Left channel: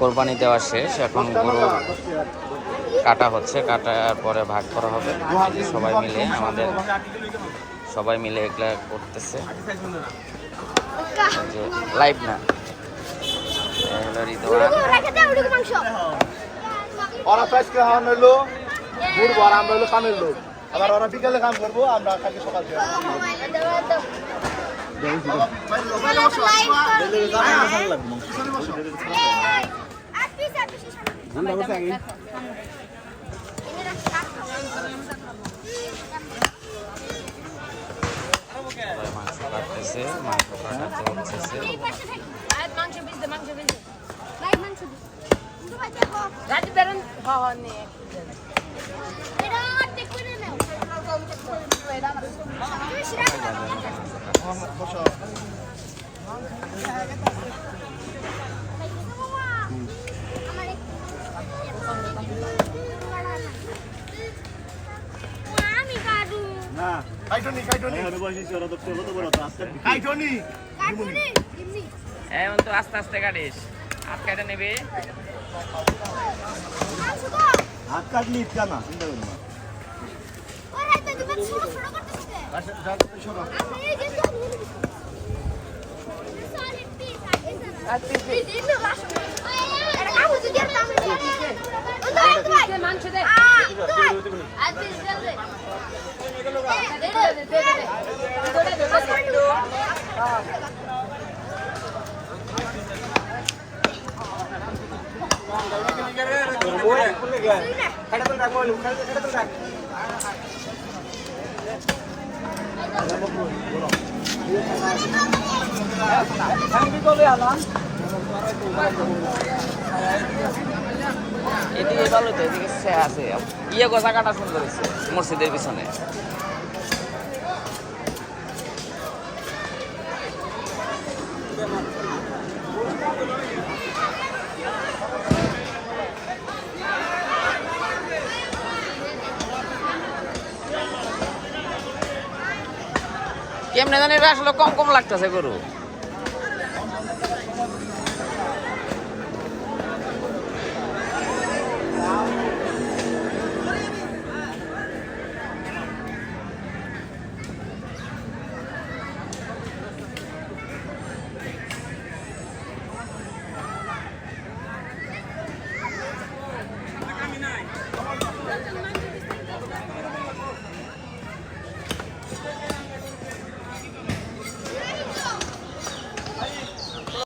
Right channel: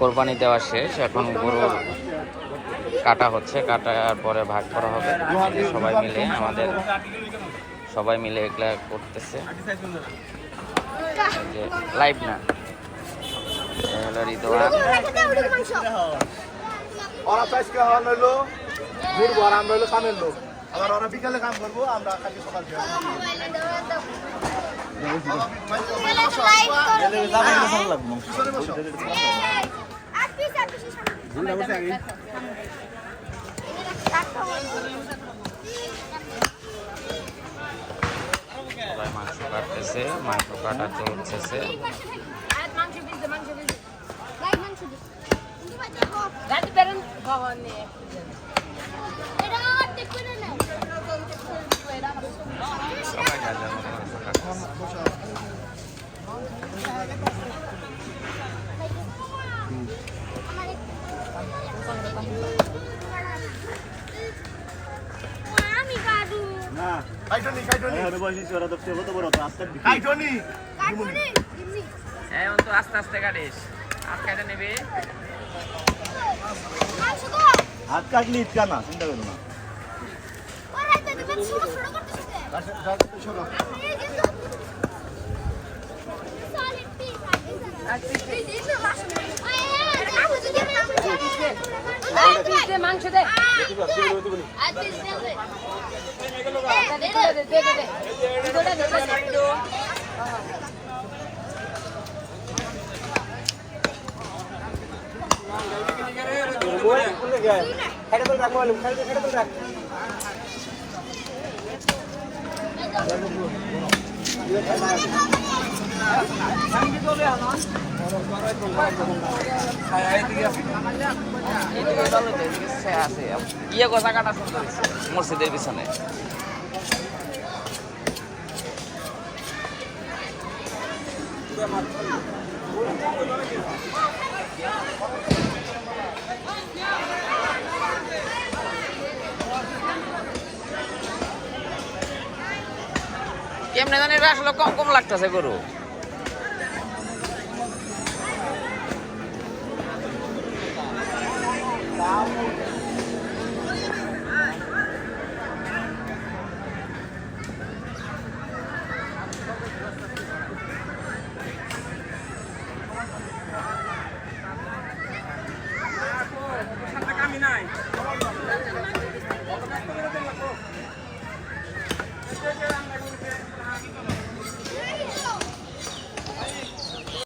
কোরবানি দেওয়া শেষ, এখন গরু কাটা হচ্ছে, কাটার পরে ভাগ করা হবে সবাই মিলে। আমাদের সবাই মিলে এগুলা করতেছে, যে লাইভ না, হলো রিদওয়ান। ওরা আজকে হাওয়া নইলো ঘুরবো আর আমরা হলো কামের লোক, আবার ওরা বিকালে কাম করবো, আমরা কালকে সকাল সবাই মাংস কাটতেছে, মাংস কাটা চলতেছে। সবাই যার যার মতো মাংস কাটতেছে। এখন তো আস্তে আস্তে কাটিস, হাত কাটা নেবে। হাত কাটলি ইচ্ছা না, চিন্তা করো না। মাংস দে এদিকে ভালো তো, এদিকে আছে ইয়ে গোছা কাটা সুন্দর হয়েছে মসজিদের পিছনে। কেমনে জানি এটা আসলে কম কম লাগতেছে গরু।